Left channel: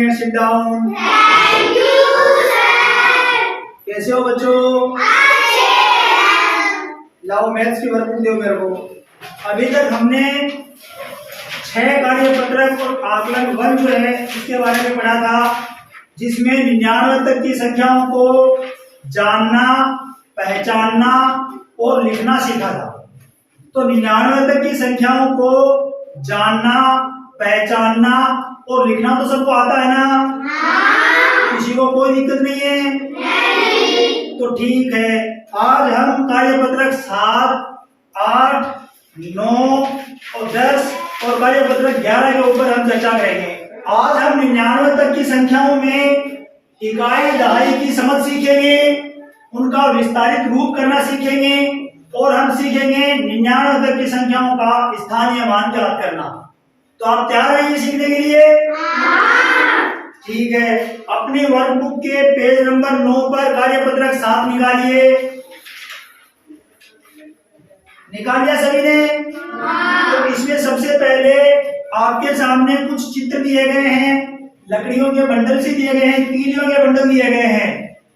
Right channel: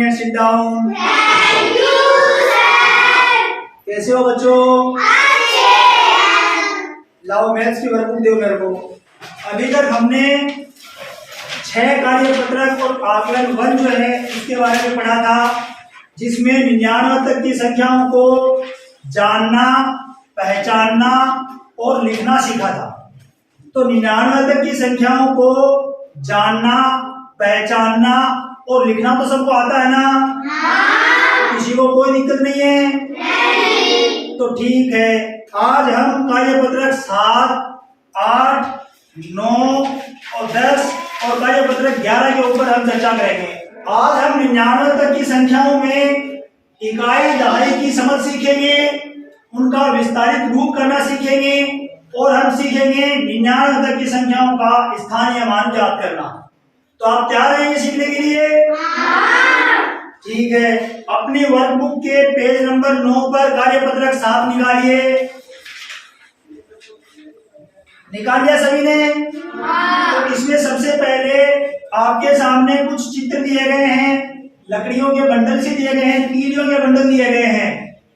Morning and sit down. Thank you sir. कैसे हो बच्चों? अच्छे हैं। लाओ मैथ्स की वर्कबुक दो मेरे को। अभी तक हमने 6 कार्यपत्रक और आकलन 1 जो है इसके बारे में पढ़ा था, जिसमें 99 तक की संख्याओं को जानना, पहचानना और लिखना सीखा था। तो 99 तक की संख्याओं को जानना, पहचानना और लिखना तो सबको आता है ना? हाँ। किसी को कोई दिक्कत नहीं है? नहीं। तो ठीक है, आज हम कार्यपत्रक 7, 8, 9 और 10 और कार्यपत्रक 11 के ऊपर हम चर्चा करेंगे। आज हम 99 तक की संख्याओं में इकाई दहाई की समझ सीखेंगे, उनका विस्तारित रूप करना सीखेंगे और हम सीखेंगे 99 तक की संख्याओं का स्थानीय मान ज्ञात करना। तो आप तैयार हैं ये सीखने के लिए? हाँ। ठीक है, अपनी वर्कबुक के पेज नंबर 9 पर कार्यपत्रक 7 निकालिए। निकाल लिया सभी ने? हाँ। तो इसमें सबसे पहले आपके सामने कुछ चित्र दिए गए हैं, लकड़ियों के बंडल से दिए गए हैं, तीलियों के बंडल दिए गए हैं।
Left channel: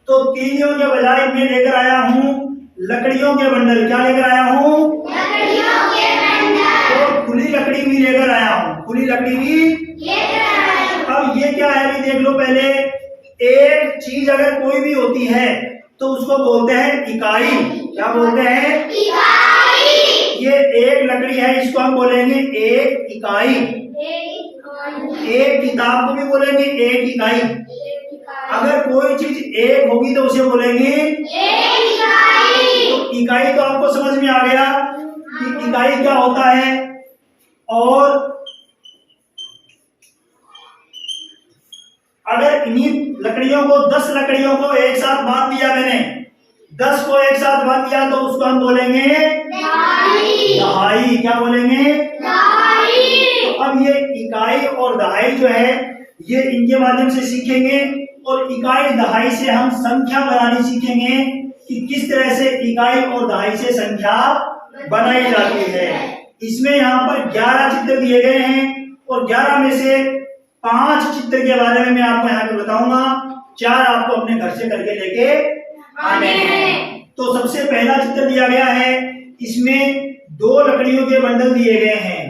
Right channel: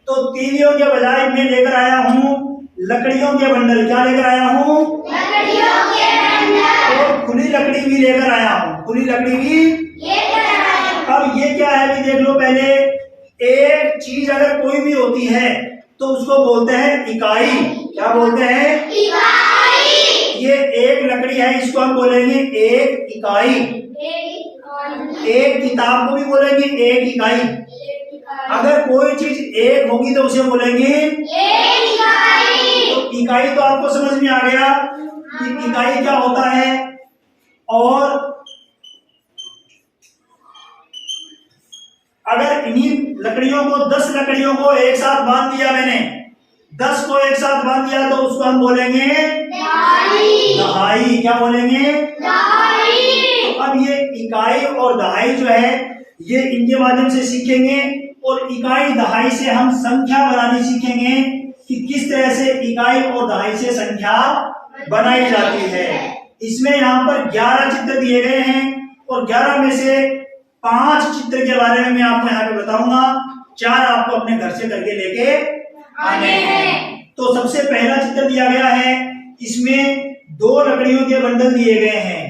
तो तीलियों के बजाय मैं लेकर आया हूँ लकड़ियों के बंडल। क्या लेकर आया हूँ? लकड़ियों के बंडल। और खुली लकड़ी भी लेकर आया हूँ, खुली लकड़ी भी। अब ये क्या है भी देख लो पहले। एक चीज अगर कोई भी होती है तो उसको बोलते हैं इकाई। क्या बोलते हैं? इकाई। ये एक लकड़ी है, इसको हम बोलेंगे एक इकाई। एक किताब को भी बोलेंगे एक इकाई। अगर कोई चीज एक होगी तो उसे बोलेंगे एक इकाई। तो इकाई तो आपको समझ में आ गया कि इकाई क्या होता है। और अगर इन्हीं लकड़ियों को 10 लकड़ियों को एक साथ बांध दिया मैंने, 10 को एक साथ बांध दिया तो उसको हम बोलेंगे दहाई। क्या बोलेंगे? दहाई। तो अब ये इकाई और दहाई जो है ये इनके माध्यम से सीखेंगे और इकाई दहाई से हम संख्या बनानी सीखेंगे कि किस तरह से इकाई और दहाई से संख्या बनाई जाती है। इसमें यहाँ पर 11 चित्र दिए गए हैं और 11 में से 5 चित्र के बारे में मैं आपको यहाँ पे बताऊंगा, 4 आपको अपने घर से करके लेके आने हैं। तो सबसे पहला चित्र दिया गया है, इसमें 2 लकड़ियों के बंडल दिए गए हैं।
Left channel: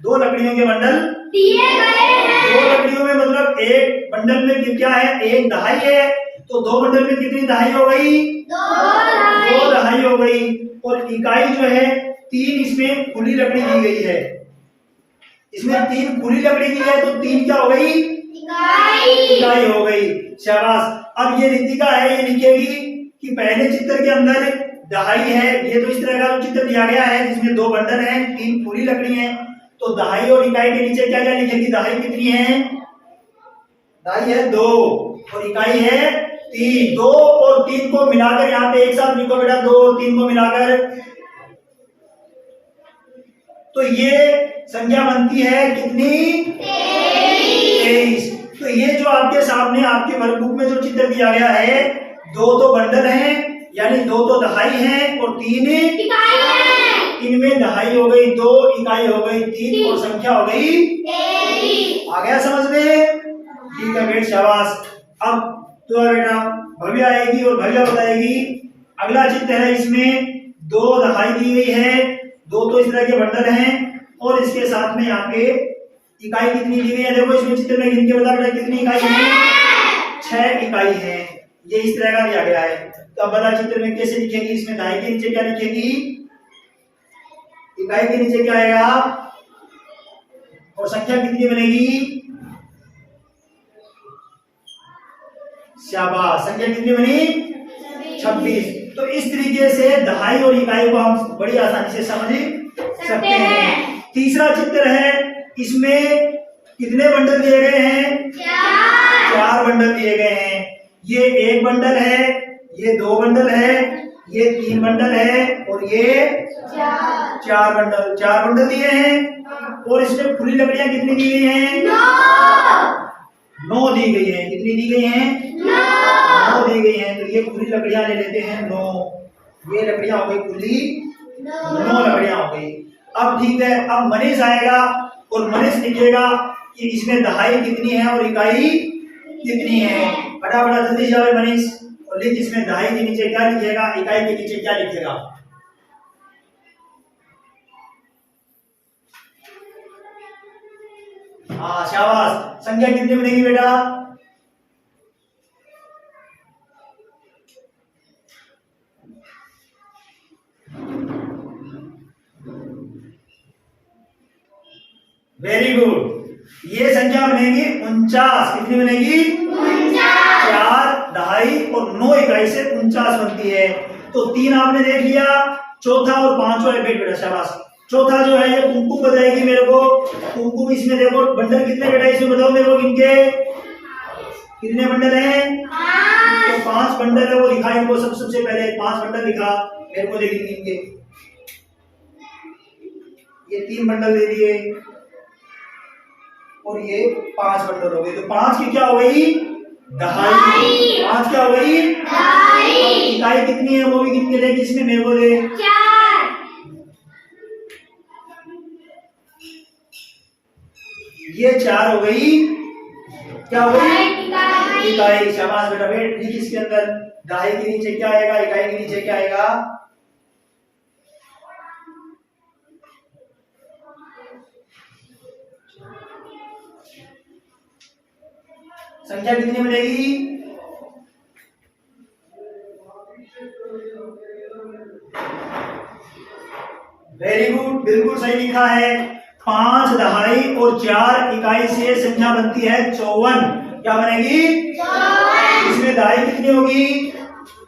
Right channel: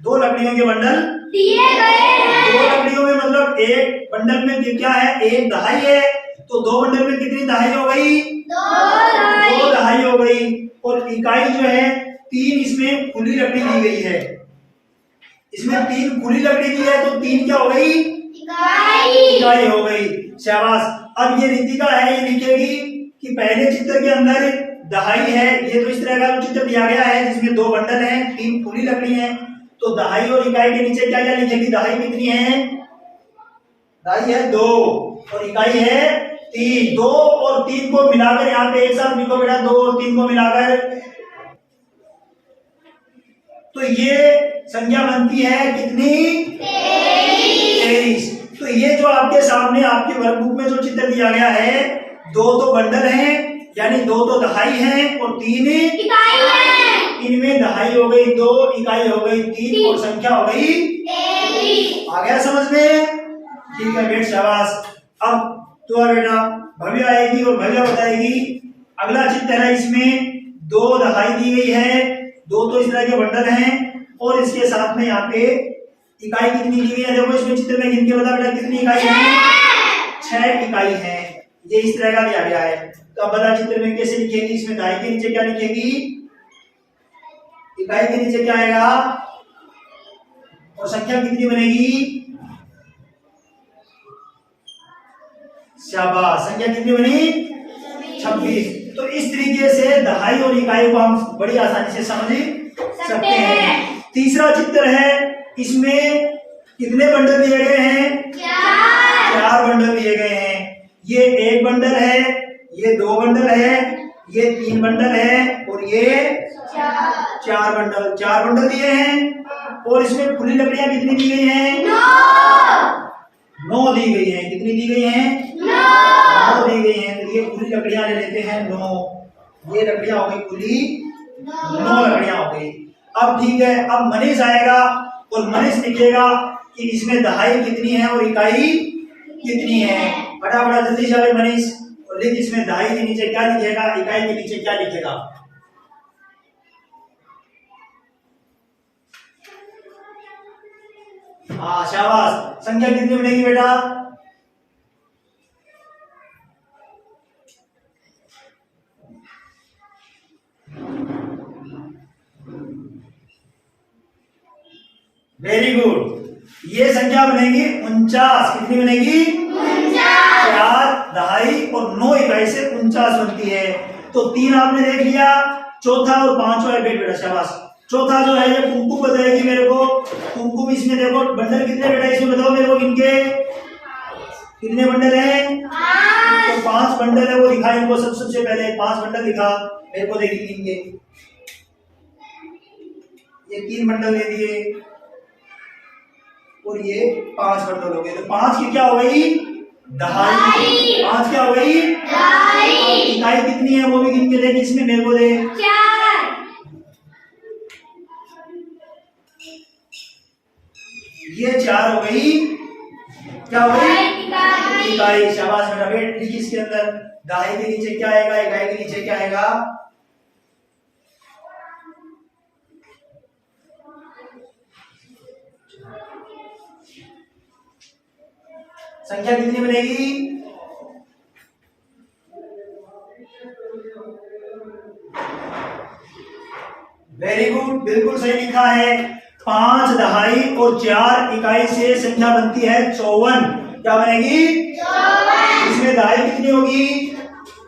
2 लकड़ियों के बंडल दिए गए हैं। 2 लकड़ियों में मतलब एक बंडल में क्या है? एक दहाई है। तो 2 बंडल में कितनी दहाई हो गई? 2 दहाई हो गई। और इकाई जो है 3 इसमें खुली लकड़ी दी गई है। इसमें 3 खुली लकड़ी दी है तो 3 क्या हो गई? इकाई हो गई। शाबाश। अब ये रितिका है, ये लिखेगी कि पहले चित्र के अंदर दहाई है। ये तो इस तरह का चित्र दिया गया है जिसमें 2 बंडल हैं, 3 खुली लकड़ी हैं। तो दहाई और इकाई के नीचे क्या क्या लिखेगी? दहाई कितनी है? दहाई है 2 और इकाई है 3। 2 और 3 को मिलाकर यहाँ पे एक साथ लिखो बेटा, 2 और 3 को मिलाकर। तो ये संख्या बनती है कितनी? 23। तो ये जो आपके सामने आपके वर्कबुक में जो चित्र दिया गया है, 2 तो बंडल हैं, यानी 2 तो दहाई हैं और 3 इकाई है। इनमें दहाई हो गई 2, इकाई हो गई 3 और संख्या हो गई 23। आ गया समझ में? ठीक है बेट, शाबाश। अब तो बेटा भव्य आएगी और भव्य बताएगी। अगला चित्र है, इसमें 2 दहाई दी गई है, 2 तो इस तरह के बंडल हैं और इसके साथ में यहाँ पे इकाई कितनी दी गई है? देखो इसमें चित्र में गिन के बता बेटा कितनी इकाई है? 6 इकाई है। ये इस तरह का दिया गया है। तो अब बता चित्र में कैसे लिखेगी? इसमें दहाई के नीचे क्या लिखेगी? इकाई के नीचे क्या आएगा और संख्या कितनी बनेगी? शाबाश, संख्या कितनी बनी? 26। तो इस तरीके से दहाई और इकाई को हम बड़ी आसानी से समझ सकते हैं। तीसरा चित्र है, इसमें कितने बंडल दिए गए हैं? 4 बंडल दिए गए हैं। ये 1 बंडल है, ये 2 बंडल है, ये 3 बंडल है और ये 4 बंडल। 4 बंडल दिए हैं और इसमें खुली लकड़ियां कितनी दी गई हैं? 9 दी गई है। कितनी दी गई हैं? 9 दी गई हैं। तो ये खुली लकड़ियां ले लेते हैं 9। ये लकड़ियां हो गई खुली, 9 लकड़ियां हो गई। अब ठीक है, अब मनीष आएगा और मनीष लिखेगा कि इसमें दहाई कितनी है और इकाई कितनी है। फटाफट जल्दी से मनीष और लिख इसमें दहाई के नीचे क्या लिखेगा, इकाई के नीचे क्या लिखेगा। हाँ शाबाश। संख्या कितनी बनेगी बेटा? Very good. ये संख्या बनेगी 49। कितनी बनेगी? 4 दहाई और 9 इकाई से 49 बनती है। तो 3 आपने देख लिया, चौथा और पांचवा है बेटा। शाबाश। चौथा जो है ये कुमकुम बताएगी मेरे को। कुमकुम इसमें देखो बंडल कितने बेटा इसमें बताओ मेरे को, इनके कितने बंडल हैं? तो 5 बंडल है, वो दिखा इनको सबसे पहले 5 बंडल दिखा मेरे को, देखेंगे इनके। ये 3 बंडल दे दिए और ये 5 बंडल हो गए। तो 5 की क्या हो गई? दहाई। 5 क्या हो गई? इकाई कितनी है वो भी गिन के दे इसमें मेरे को दे। 4। ये 4 हो गई। क्या हो गई? इकाई। शाबाश बेटा। बेट लिख इसके अंदर दहाई के नीचे क्या आएगा, इकाई के नीचे क्या आएगा। संख्या कितनी बनेगी? वेरी गुड, बिल्कुल सही लिखा है। 5 दहाई और 4 इकाई से संख्या बनती है 54। क्या बनेगी? 54। इसमें दहाई कितनी होगी?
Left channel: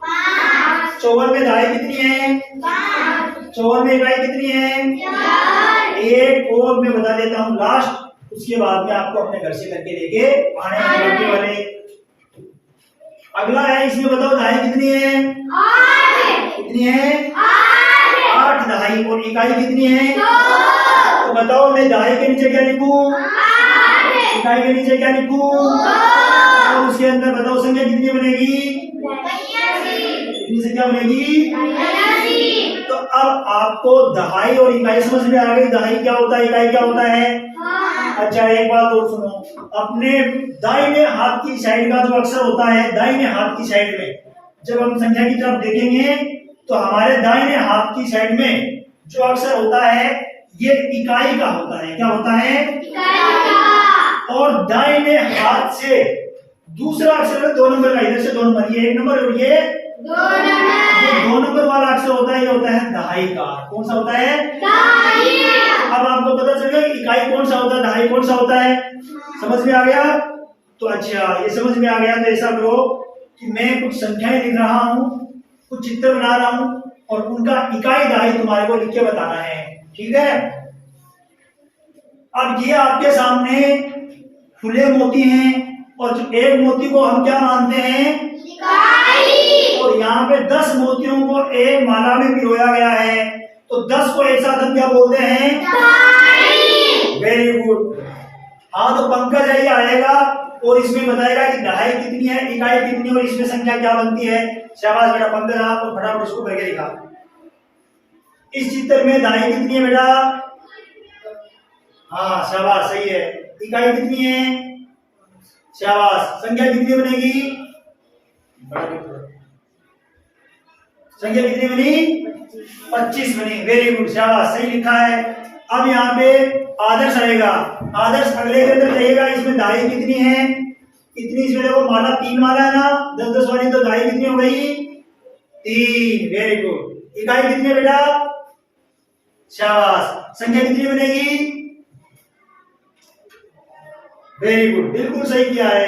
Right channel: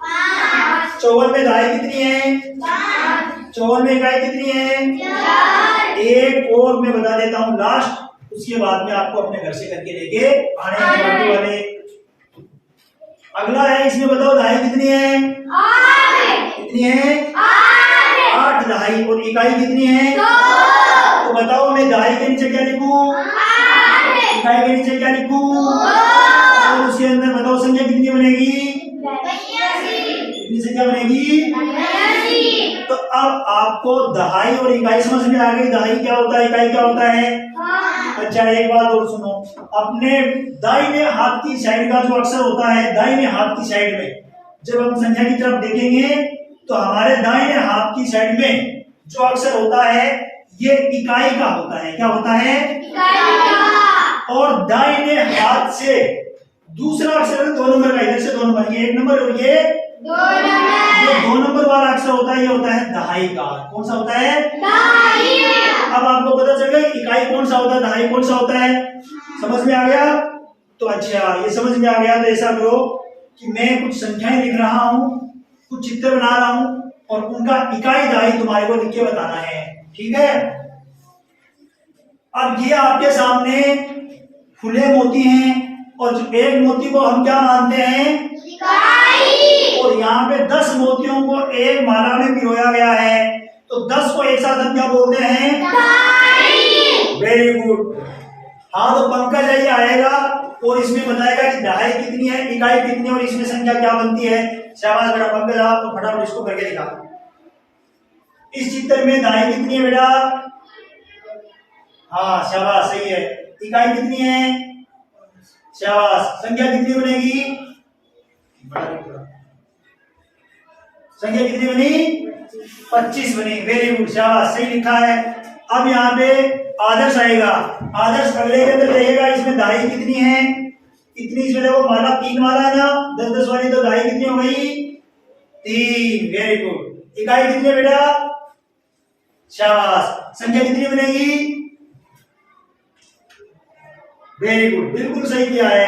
5। 54 में दहाई कितनी है? 5। 54 में इकाई कितनी है? 4। एक और मैं बता देता हूँ लास्ट, उसके बाद में आपको अपने घर से करके लेके आने हैं वाले। अगला है, इसमें बताओ दहाई कितनी है? 8। कितनी है? 8 दहाई और इकाई कितनी है? 2। तो बताओ मैं दहाई के नीचे क्या लिखूं, 8। इकाई के नीचे क्या लिखूं? 2। और उसके अंदर बताओ संख्या कितनी बनेगी? 82। कितनी संख्या बनेगी? 82। तो अब आपको दहाई और इकाई समझ में आ गई। दहाई क्या होता है, इकाई क्या होता है? अच्छा एक बात और सुनो, अपने दाहिने हाथ की साइड का जो अक्षर होता है, दाहिने हाथ की साइड में जब हम संख्या की तरफ देखेंगे तो हमारे दाहिने हाथ की साइड में जो अक्षर होता है ये इकाई का होता है। क्या होता है? इकाई का। और दाहिने हाथ से दूसरा अक्षर है 2 नंबर का, इधर से 2 नंबर, ये 1 नंबर और ये 2 नंबर। जो 2 नंबर वाला अक्षर होता है ये होता है दहाई का। कौन सा होता है? दहाई। अब आपको पता चल गया इकाई कौन सा होता है, दहाई कौन सा होता है। समझ में आ गया? तो अच्छा ये समझ में आ गया तो ऐसा करो कि मैं कुछ संख्याएं लिख रहा हूँ, कुछ चित्र बना रहा हूँ और उनका इकाई दहाई तुम्हारे को लिख के बताना है। ठीक है? अब ये आपके सामने खुले मोती हैं और एक मोती को हम क्या मानते हैं? इकाई। और यहाँ पे 10 मोतियों को एक माला में पिरोया गया है, तो 10 को एक साथ हम क्या बोलते हैं? दहाई। Very good. हाँ तो पंकज यही आएगा और इसमें बताएगा कि दहाई कितनी है, इकाई कितनी है और इसमें संख्या क्या बनती है। शाबाश बेटा पंकज, आप तो फटाफट इसको करके दिखा। इस चित्र में दहाई कितनी है बेटा? हाँ शाबाश, सही है। इकाई कितनी है? शाबाश। संख्या कितनी बनेगी? संख्या कितनी बनी? 25 बनी। वेरी गुड, शाबाश, सही लिखा है। अब यहाँ पे आदर्श आएगा। आदर्श अगले के अंदर रहेगा, इसमें दहाई कितनी है? इतनी, इसमें देखो माला 3 माला है ना, 10-10 वाली, तो दहाई कितनी हो गई? 3। Very good. इकाई कितनी है बेटा? शाबाश। संख्या कितनी बनेगी? वेरी गुड, बिल्कुल सही किया है।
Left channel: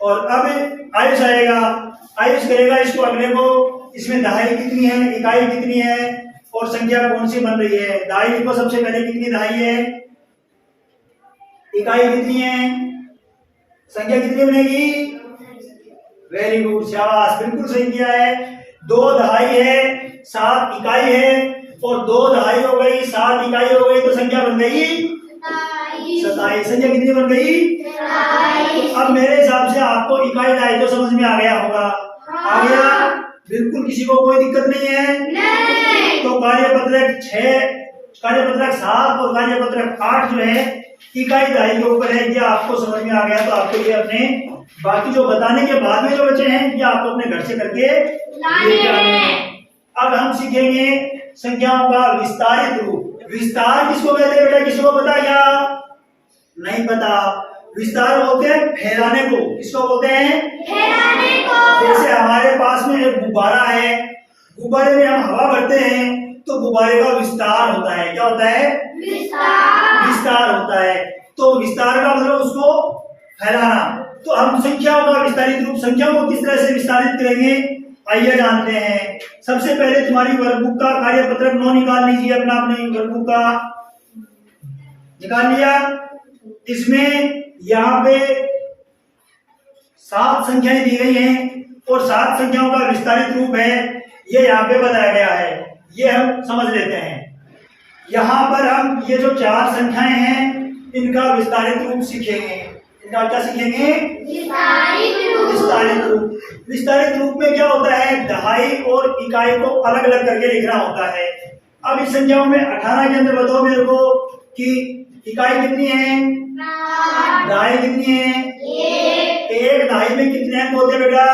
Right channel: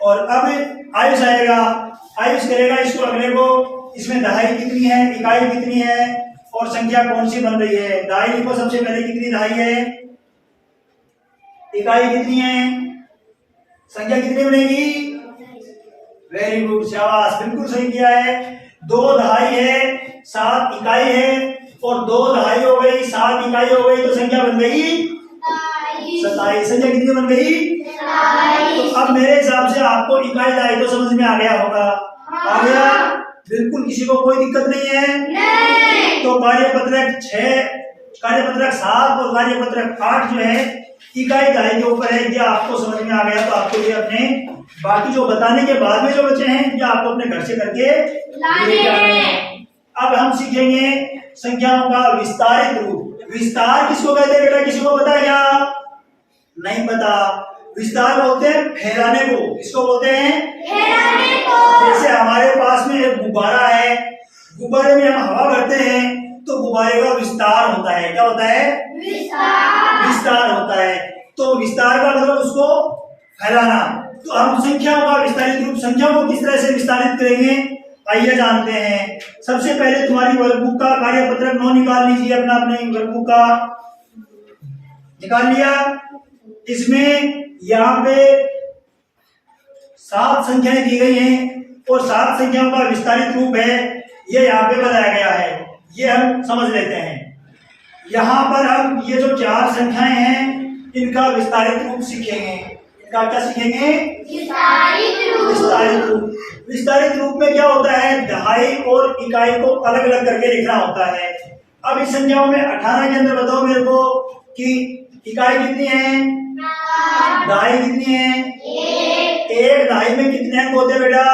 और अब आयुष आएगा। आयुष करेगा इसको अगले को, इसमें दहाई कितनी है, इकाई कितनी है और संख्या कौन सी बन रही है। दहाई लिखो सबसे पहले, कितनी दहाई है, इकाई कितनी है, संख्या कितनी बनेगी? वेरी गुड, शाबाश, बिल्कुल सही किया है। 2 दहाई है, 7 इकाई है और 2 दहाई हो गई, 7 इकाई हो गई, तो संख्या बन गई 27। संख्या कितनी बन गई? तो अब मेरे हिसाब से आपको इकाई दहाई तो समझ में आ गया होगा। आ गया? बिल्कुल, किसी को कोई दिक्कत नहीं है? नहीं। तो कार्यपत्रक 6, कार्यपत्रक 7 और कार्यपत्रक 8 जो है इकाई दहाई के ऊपर है। ये आपको समझ में आ गया तो आपको ये अपने बाकी जो बताने के बाद में जो बचे हैं ये आपको अपने घर से करके लाने लेके आने हैं। हैं। अब हम सीखेंगे संख्याओं का विस्तारित रूप। विस्तार किसको कहते हैं बेटा, किसी को पता क्या? नहीं पता। विस्तार बोलते हैं फैलाने को। किसको बोलते हैं? फैलाने को। जैसे हमारे पास में एक गुब्बारा है, गुब्बारे में हम हवा भरते हैं तो गुब्बारे का विस्तार होता है। क्या होता है? विस्तार। विस्तार होता है। तो विस्तार का मतलब उसको फैलाना। तो हम संख्याओं का विस्तारित रूप, संख्याओं को किस तरह से विस्तारित करेंगे आइए जानते हैं। सबसे पहले तुम्हारी वर्कबुक का कार्यपत्रक 9 निकाल लीजिए अपना, अपने वर्कबुक का निकाल लिया। इसमें यहाँ पे 7 संख्याएं दी गई हैं और 7 संख्याओं का विस्तारित रूप है ये यहाँ पे बताया गया है। ये हम समझ लेते हैं। यहाँ पर हम ये जो 4 संख्याएं हैं इनका विस्तारित रूप सीखेंगे। इनका क्या सीखेंगे? विस्तारित रूप। विस्तारित रूप। विस्तारित रूप में क्या होता है? दहाई और इकाई को अलग अलग करके लिखना होता है। अब इस संख्याओं में 18 के अंदर बताओ मेरे को कि इकाई कितनी है, दहाई कितनी है? एक दहाई में कितने अंक होते हैं बेटा?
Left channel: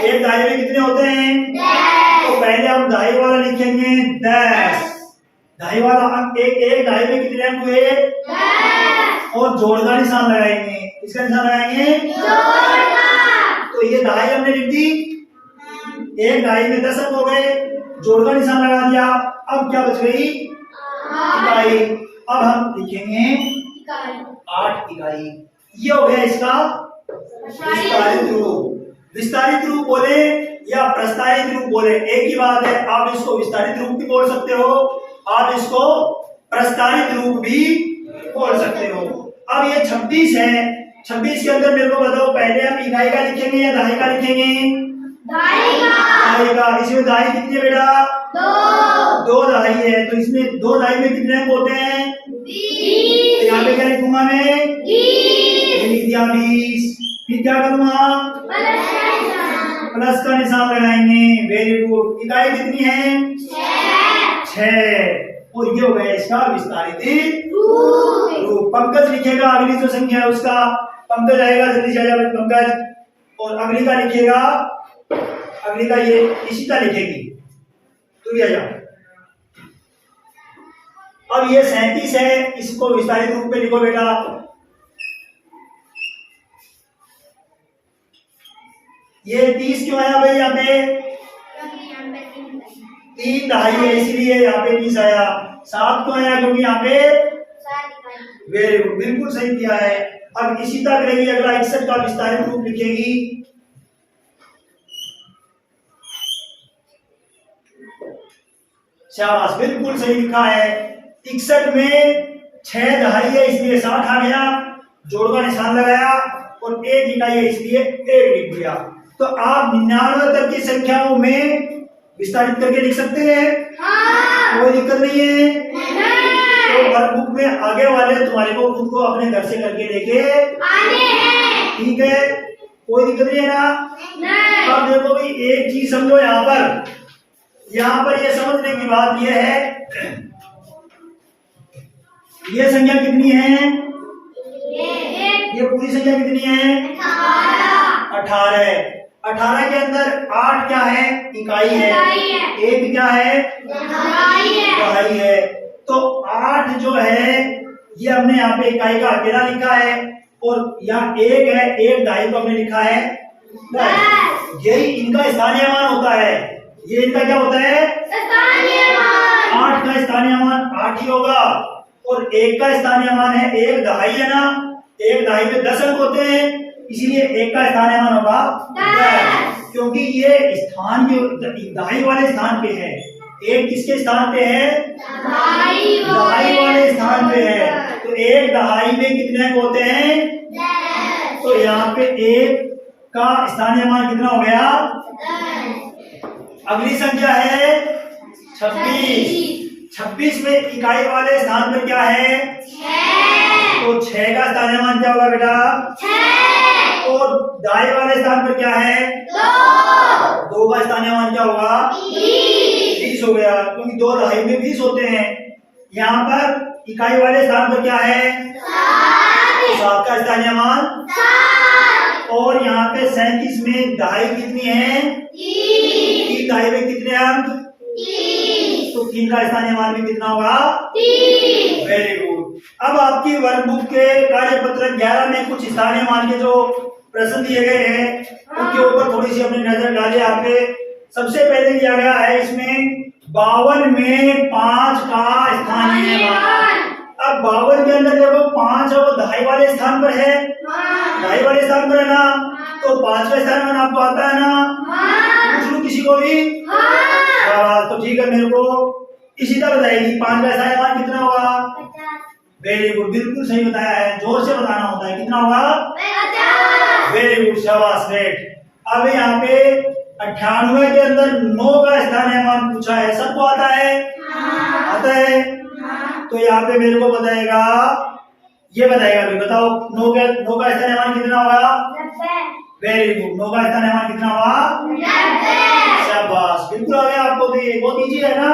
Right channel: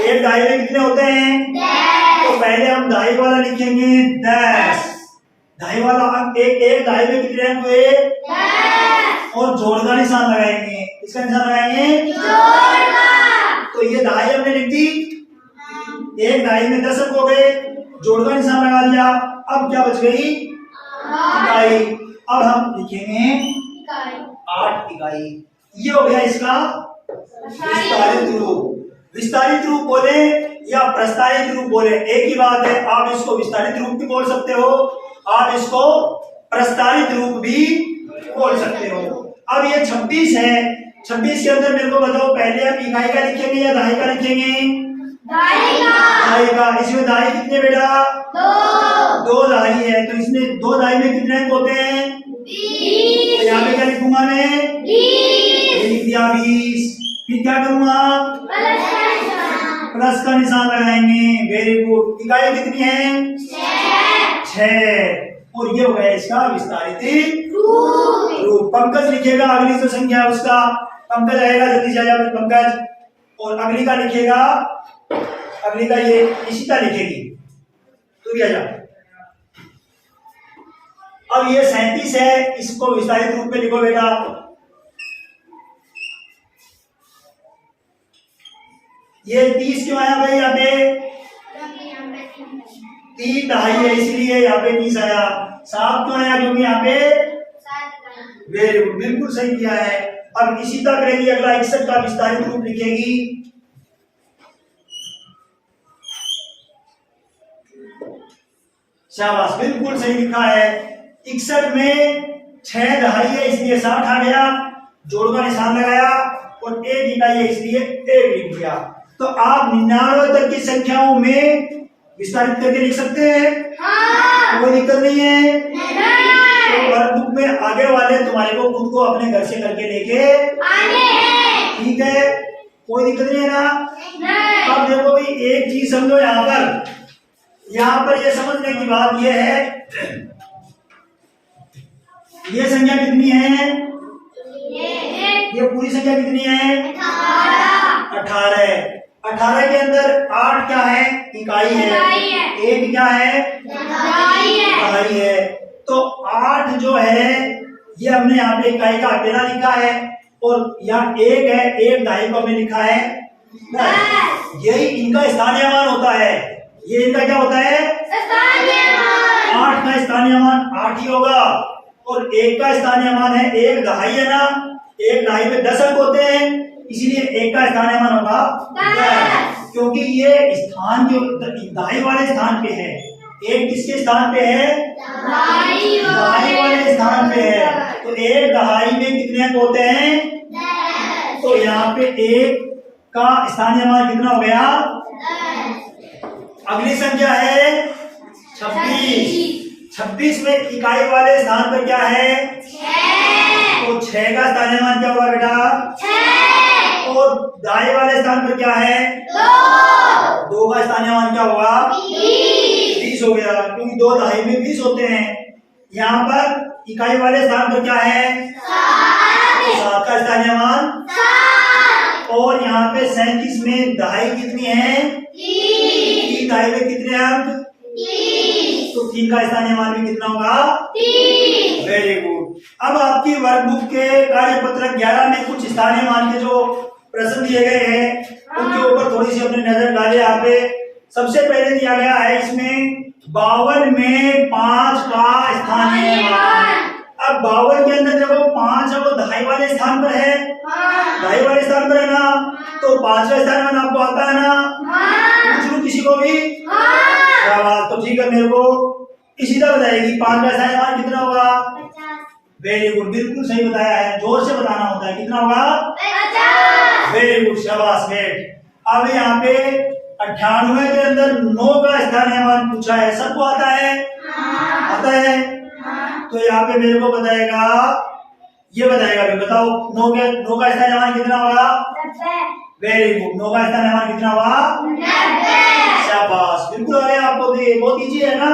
एक दहाई में कितने होते हैं? तो पहले हम दहाई वाला लिखेंगे 10। दहाई वाला अंक एक दहाई में कितने अंक हुए? और जोड़ का निशान लगाएंगे। इसका निशान लगाएंगे तो ये दहाई हमने लिख दी। एक दहाई में 10 अंक हो गए, जोड़ का निशान लगा दिया। अब क्या बच गई? इकाई। अब हम लिखेंगे 8 इकाई। ये हो गया इसका विस्तारित रूप। विस्तारित रूप बोले या प्रस्तारित रूप बोले एक ही बात है। आप इसको विस्तारित रूप भी बोल सकते हो, आप इसको प्रस्तारित रूप भी बोल सकते हो। अब ये 26 है। 26 के अंदर मेरे को बताओ पहले हम इकाई का लिखेंगे या दहाई का लिखेंगे? दहाई का। इसमें दहाई कितनी है बेटा? 2 दहाई है। तो इसमें 2 दहाई में कितने अंक होते हैं? तो यहाँ पे क्या लिखूंगा मैं? लिख दिया 20। फिर क्या करूंगा? प्लस का निशान लगाएंगे। Very good. इकाई कितनी है? 6। और ये हो गया इसका विस्तारित रूप। पंकज लिखेगा अगली जो संख्या है उसका। पंकज आएगा, जल्दी से आ जाओ पंकज। और अगली का लिखेगा, अगली का ये निशिता लिखेगी। तू भी आ जा। अब ये 37 है, इसको विस्तारित रूप में लिखो बेटा। ये 30 क्यों आया भाई? यहाँ पे 3 दहाई है इसलिए यहाँ पे 30 आया। 7 क्यों आया? क्योंकि यहाँ पे वेरी गुड, बिल्कुल सही किया है। अब इसी तरह करेगी। अगला 61 का विस्तारित रूप लिखेगी। शाबाश, बिल्कुल सही लिखा है। 61 में 6 दहाई है इसलिए 60 आ गया, जोड़ का निशान लगाया और 1 इकाई है इसलिए 1 लिख दिया। तो आप 99 तक की संख्याओं में विस्तारित करके लिख सकते हैं। कोई दिक्कत नहीं है। तो वर्कबुक में आगे वाले तुम्हारे को खुद को अपने घर से करके लेके आने हैं। ठीक है, कोई दिक्कत नहीं है ना। अब देखो भाई एक चीज समझो। यहाँ पर ये समझने की बात ये है, ये संख्या कितनी है? ये पूरी संख्या कितनी है? 18। 18 के अंदर 8 क्या है? इकाई है। 1 क्या है? दहाई है। तो 8 जो है ये हमने यहाँ पे इकाई का अकेला लिखा है और यहाँ 1 है, 1 दहाई को हमने लिखा है 10। यही इनका स्थानीय मान होता है। ये इनका क्या होता है? 8 का स्थानीय मान 8 ही होगा और 1 का स्थानीय मान है 1 दहाई है ना। 1 दहाई में 10 अंक होते हैं इसीलिए 1 का स्थानीय मान होगा 10। क्योंकि ये स्थान के दहाई वाले स्थान पे है। 1 किसके स्थान पे है? दहाई वाले स्थान पे है। तो 1 दहाई में कितने अंक होते हैं? 10। तो यहाँ पे 1 का स्थानीय मान कितना हो गया? 10। अगली संख्या है 26। 26 में इकाई वाले स्थान पर क्या है? 6। तो 6 का स्थानीय मान क्या होगा बेटा? 6। और दहाई वाले स्थान पर क्या है? 2। 2 का स्थानीय मान क्या होगा? 20 हो गया क्योंकि 2 दहाई में 20 होते हैं। यहाँ पर इकाई वाले स्थान पर क्या है? 7। 7 का स्थानीय मान 7। और यहाँ पे 37 में दहाई कितनी है? 3 दहाई में कितने अंक? 30 तो 3 का स्थानीय मान भी कितना होगा? 30 वेरी गुड। अब आपकी वर्कबुक के कार्यपत्र 11 में कुछ स्थानीय मान के जो प्रश्न दिए गए हैं उनके ऊपर थोड़ी सी अपनी नजर डालें। यहाँ पे सबसे पहले दिया गया है इसमें 52 में 5 का स्थानीय मान। अब 52 के अंदर देखो 5 है वो दहाई वाले स्थान पर है, दहाई वाले स्थान पर है ना, तो 5 का स्थानीय मान आपको आता है ना? पूछ लूं किसी को भी? तो ठीक है, मेरे को इसी तरह बताएगी 5 का स्थानीय मान कितना होगा? 50 वेरी गुड, बिल्कुल सही बताया है, जोर से बताना होता है। कितना होगा? 50 वेरी गुड, शाबाश बेट। अब यहाँ पे 98 के अंदर 9 का स्थानीय मान पूछा है, सबको आता है? आता है? तो यहाँ पे मेरे को बताएगा, ये बताएगा अभी, बताओ 9 का स्थानीय मान कितना होगा? 90 वेरी गुड, 9 का स्थानीय मान कितना होगा? 90 शाबाश, बिल्कुल आ गया आपको भी, बहुत इजी है ना।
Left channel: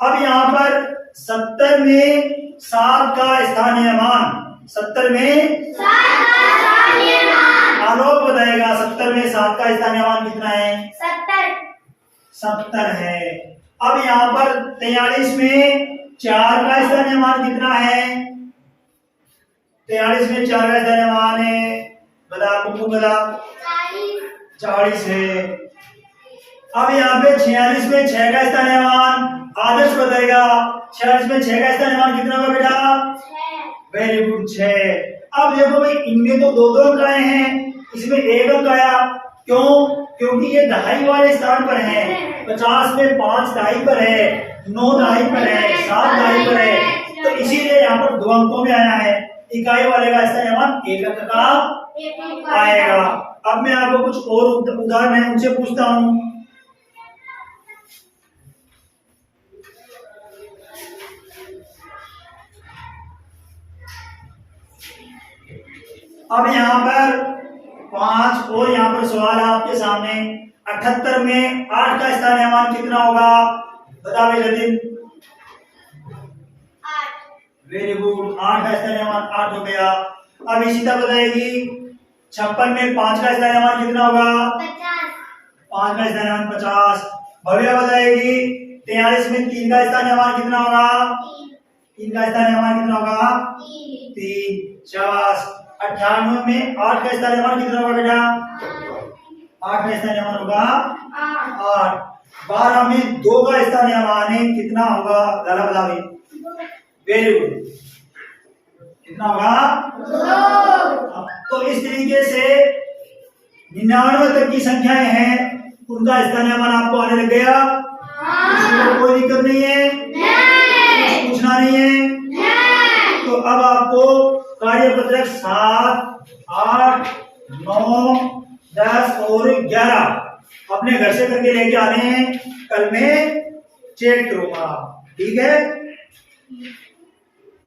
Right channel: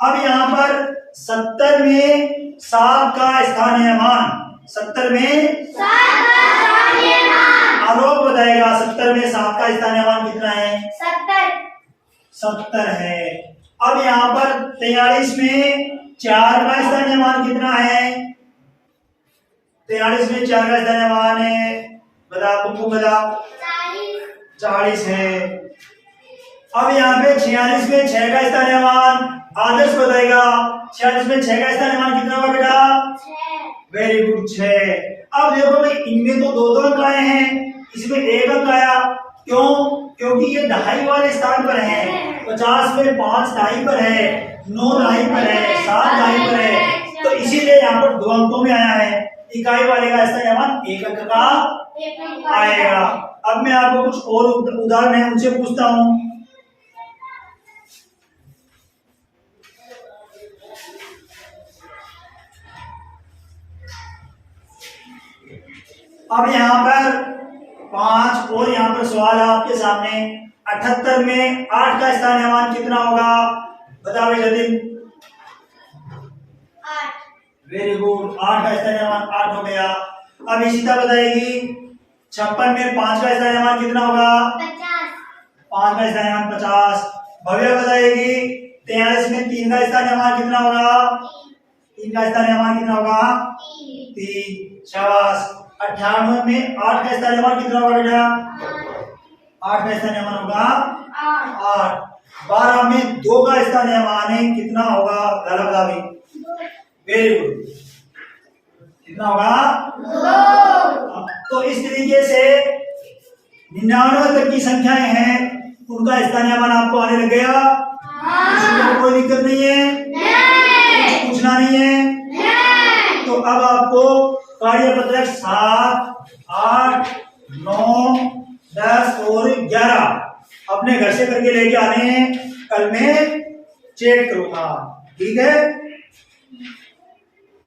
अब यहाँ पर 70 में 7 का स्थानीय मान, 70 में 7 का स्थानीय मान आलोक बताएगा 70 में 7 का स्थानीय मान कितना है? 70 है। अब यहाँ पर 43 में 4 का स्थानीय मान कितना है? 43 में 4 का स्थानीय मान है, बता कुकू बता। 40 है। अब यहाँ पे 46 में 6 का स्थानीय मान आदर्श बताएगा, 46 में 6 का स्थानीय मान कितना होगा बेटा? 6 वेरी गुड, 6। अब देखो भाई, इनमें तो 2 अंक आए हैं, इसमें 1 अंक आया, क्यों? क्योंकि ये दहाई वाले स्थान पर है। 50 में 5 दहाई पर है, 9 दहाई पर है, 7 दहाई पर है, तो इसीलिए यहाँ पर 2 अंकों में आया है। इकाई वाले का स्थानीय मान 1 अंक का आएगा। अब मैं आपको कुछ और उदाहरण है उनसे पूछता हूँ। अब यहाँ पर 5 और यहाँ पर सवाल है आपके सामने। 78 में 8 का स्थानीय मान कितना होगा? बता भाई जल्दी। 8 वेरी गुड, 8 का स्थानीय मान 8 हो गया। अब इशिता बताएगी 56 में 5 का स्थानीय मान कितना होगा? 50 5 का स्थानीय मान 50। भव्या बताएगी 43 में 3 का स्थानीय मान कितना होगा? 3 का स्थानीय मान कितना होगा? 3। शाबाश। 98 में 8 का स्थानीय मान कितना होगा बेटा? 8 का स्थानीय मान होगा 8। 12 में 2 का स्थानीय मान है, कितना होगा? जरा बता भाई। वेरी गुड, कितना होगा? 2 तो इस तरीके से 99 तक की संख्याएं हैं, उनका स्थानीय मान आपको आने लग गया। इसमें कोई दिक्कत नहीं है, कुछ पूछना नहीं है। तो अब आपको कार्यपत्रक 7, 8, 9, 10 और 11 अपने घर से करके लेके आने हैं, कल मैं चेक करूंगा, ठीक है?